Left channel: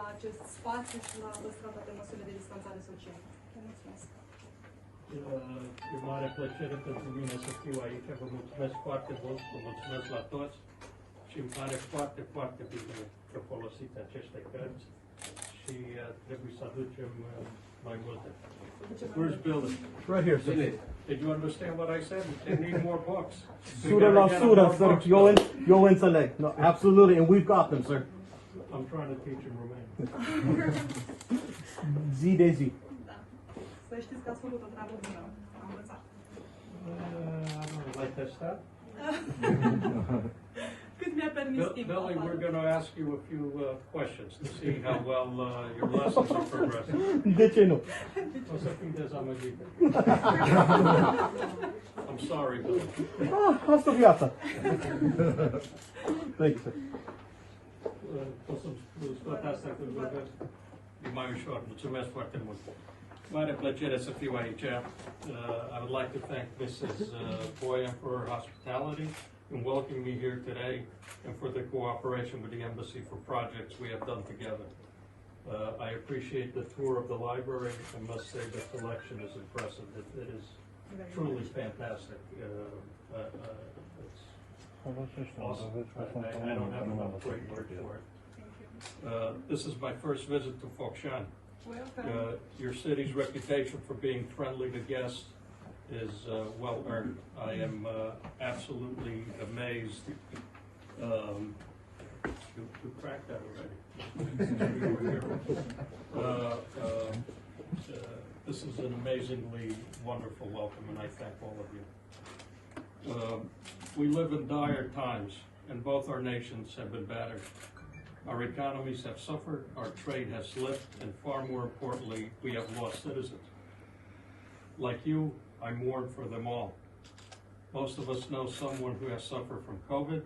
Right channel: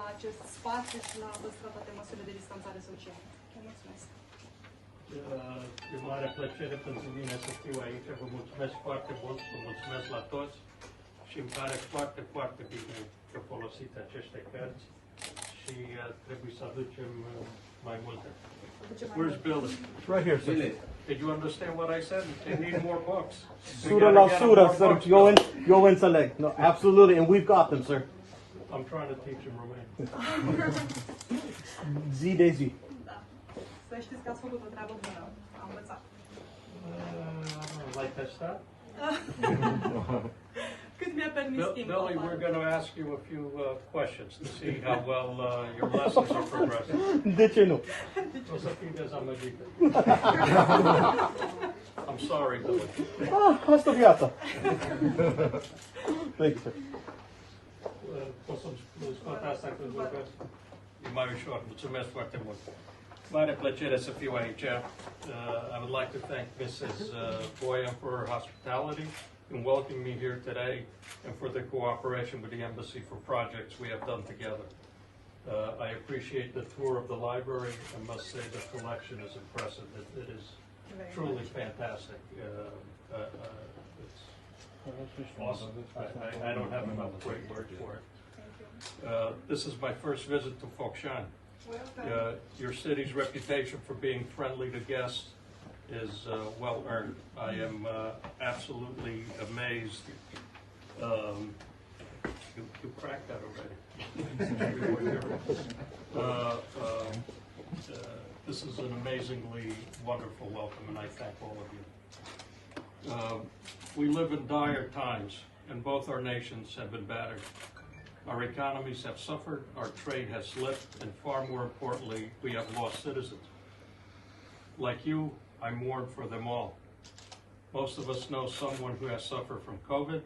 la acest spațiu și la păstrarea toate măsurile de distanțare socială. Vă mulțumesc! E mare plăcere pentru mine să fiu aici. Vă mulțumesc foarte mult, vă mulțumesc la toți și îmi pare foarte, foarte bine că folosiți aceste cărți și trebuie să aducem mai multe. Where's Billy? Right here, sir. Did you understand what I said? They need more books. Surah la surah, sir. You'll înțeleg. No, absolutely, and we've got them, sir. I'm trying to teach him Romanian. Zi de zi. Da. Să știți că ați făcut o treabă bună. Am învățat. Like that stuff? Cât mi-a permis timpul. Billy, we're going to ask you a few questions to see how well your lessons are progressing. De ce nu? O să fii dezamăgită. I'm sorry, Billy. Asta viața. Thank you, sir. Poți să-mi scot asta când vorbesc? E mai ușor. Mulțumesc foarte mult. Mare plăcere să fiu aici. I would like to thank Mrs. Boyan for her hospitality in welcoming me here today and for the cooperation with the Embassy for projects we have done together. I appreciate the tour of the library and must say the collection is impressive. It is truly fantastic. It's awesome. I don't have enough great words for it. This is my first visit to Focșani. Your city's reputation for being friendly to guests is well earned. I am absolutely amazed. You cracked that already. This is an amazingly wonderful welcome, and I thank all of you. We live in dire times, and both our nations have been battered. Our economies have suffered, our trade has slipped, and far more importantly, we have lost citizens. Like you, I mourn for them all. Most of us know someone who has suffered from COVID,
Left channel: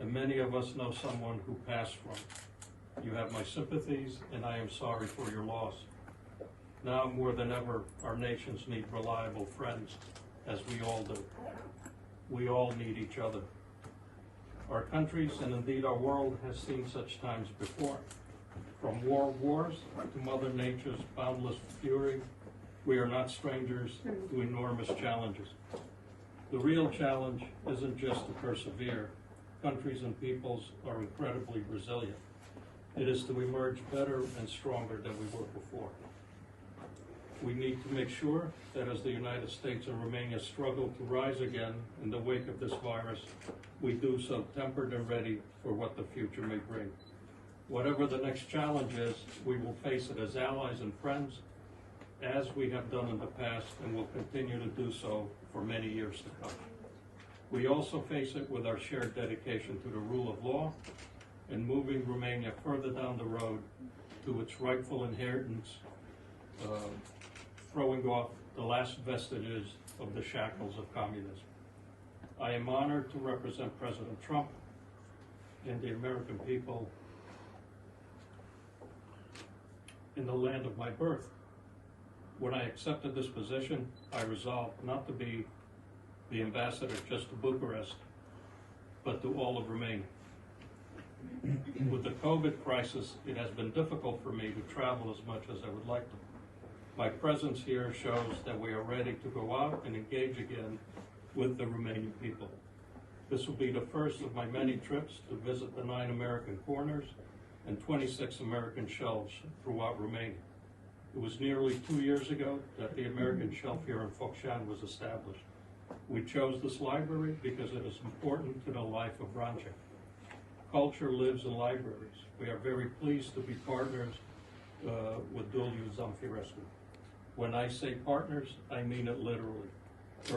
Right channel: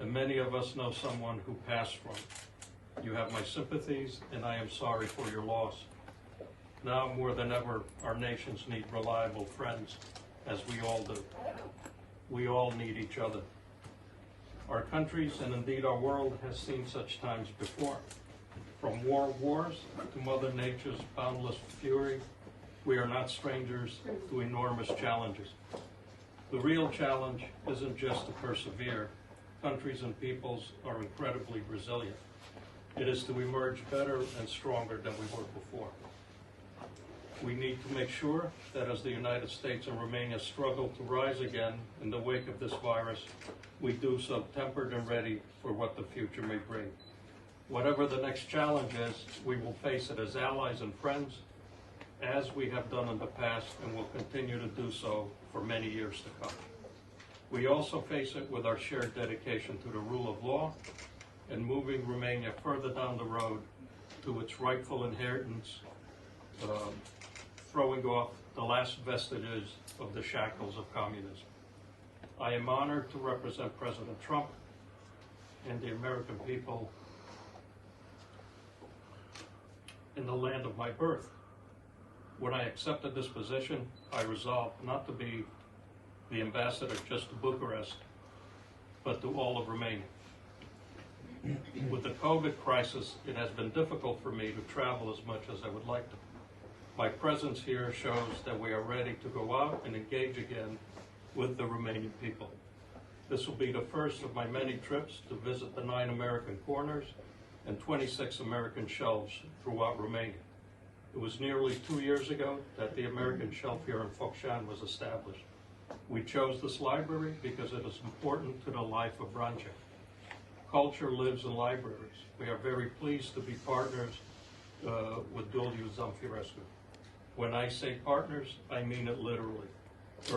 and many of us know someone who passed from it. You have my sympathies, and I am sorry for your loss. Now more than ever, our nations need reliable friends, as we all do. We all need each other. Our countries, and indeed our world, has seen such times before. From world wars to Mother Nature's boundless fury, we are not strangers to enormous challenges. The real challenge isn't just to persevere. Countries and peoples are incredibly resilient. It is to emerge better and stronger than we were before. We need to make sure that as the United States and Romania struggle to rise again in the wake of this virus, we do so tempered and ready for what the future may bring. Whatever the next challenge is, we will face it as allies and friends, as we have done in the past and will continue to do so for many years to come. We also face it with our shared dedication to the rule of law and moving Romania further down the road to its rightful inheritance, throwing off the last vestiges of the shackles of communism. I am honored to represent President Trump and the American people in the land of my birth. When I accepted this position, I resolved not to be the ambassador just to Bucharest, but to all of Romania. With the COVID crisis, it has been difficult for me to travel as much as I would like to. My presence here shows that we are ready to go out and engage again with the Romanian people. This will be the first of my many trips to visit the 9 American corners and 26 American shelves throughout Romania. It was nearly 2 years ago that the American shelf here in Focșani was established. We chose this library because it is important to the life of Vrancea. Culture lives in libraries. We are very pleased to be partners with Duliu Zamfirescu. When I say partners, I mean it literally.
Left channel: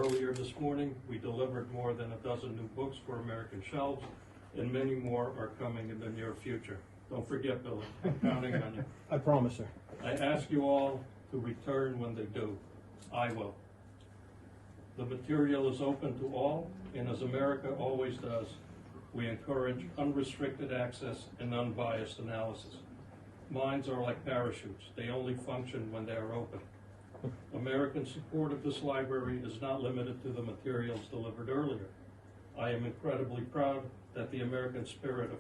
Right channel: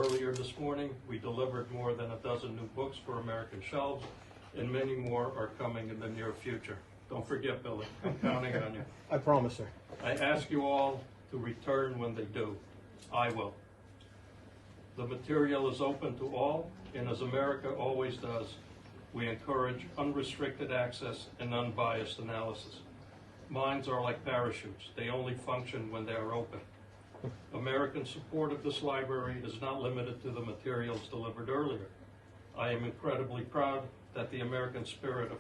Earlier this morning, we delivered more than a dozen new books for American shelves, and many more are coming in the near future. Don't forget, Billy, I'm counting on you. I promise, sir. I ask you all to return when they do. I will. The material is open to all, and as America always does, we encourage unrestricted access and unbiased analysis. Minds are like parachutes. They only function when they are open. American support of this library is not limited to the materials delivered earlier. I am incredibly proud that the American spirit of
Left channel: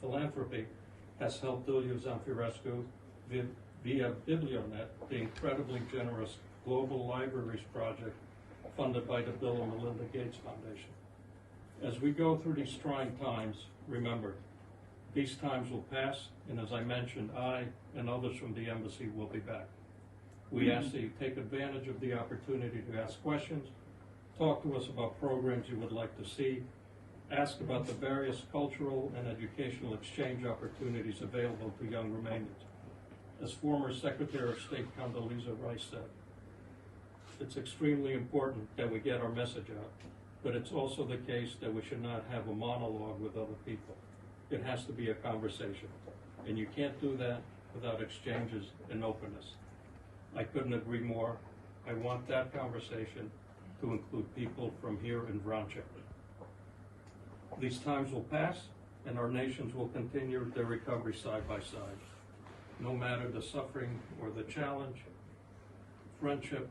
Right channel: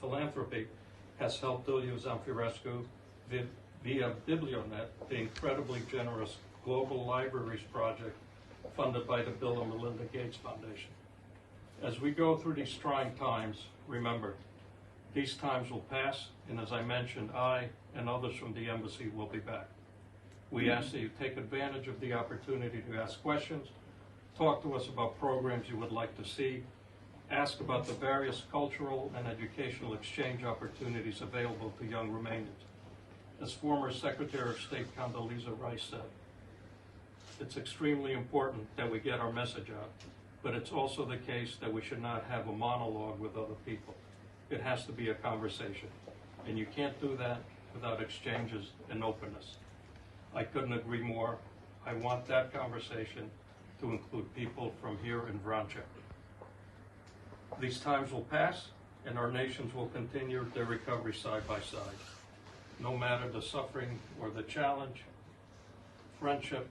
philanthropy has helped Iuliu Zamfirescu via Biblionet, the incredibly generous Global Libraries project funded by the Bill and Melinda Gates Foundation. As we go through these trying times, remember, these times will pass, and as I mentioned, I and others from the embassy will be back. We ask that you take advantage of the opportunity to ask questions, talk to us about programs you would like to see, ask about the various cultural and educational exchange opportunities available to young Romanians. As former Secretary of State Condoleezza Rice said, it's extremely important that we get our message out, but it's also the case that we should not have a monologue with other people. It has to be a conversation, and you can't do that without exchanges and openness. I couldn't agree more. I want that conversation to include people from here in Vrancea. These times will pass, and our nations will continue their recovery side by side. No matter the suffering or the challenge, friendship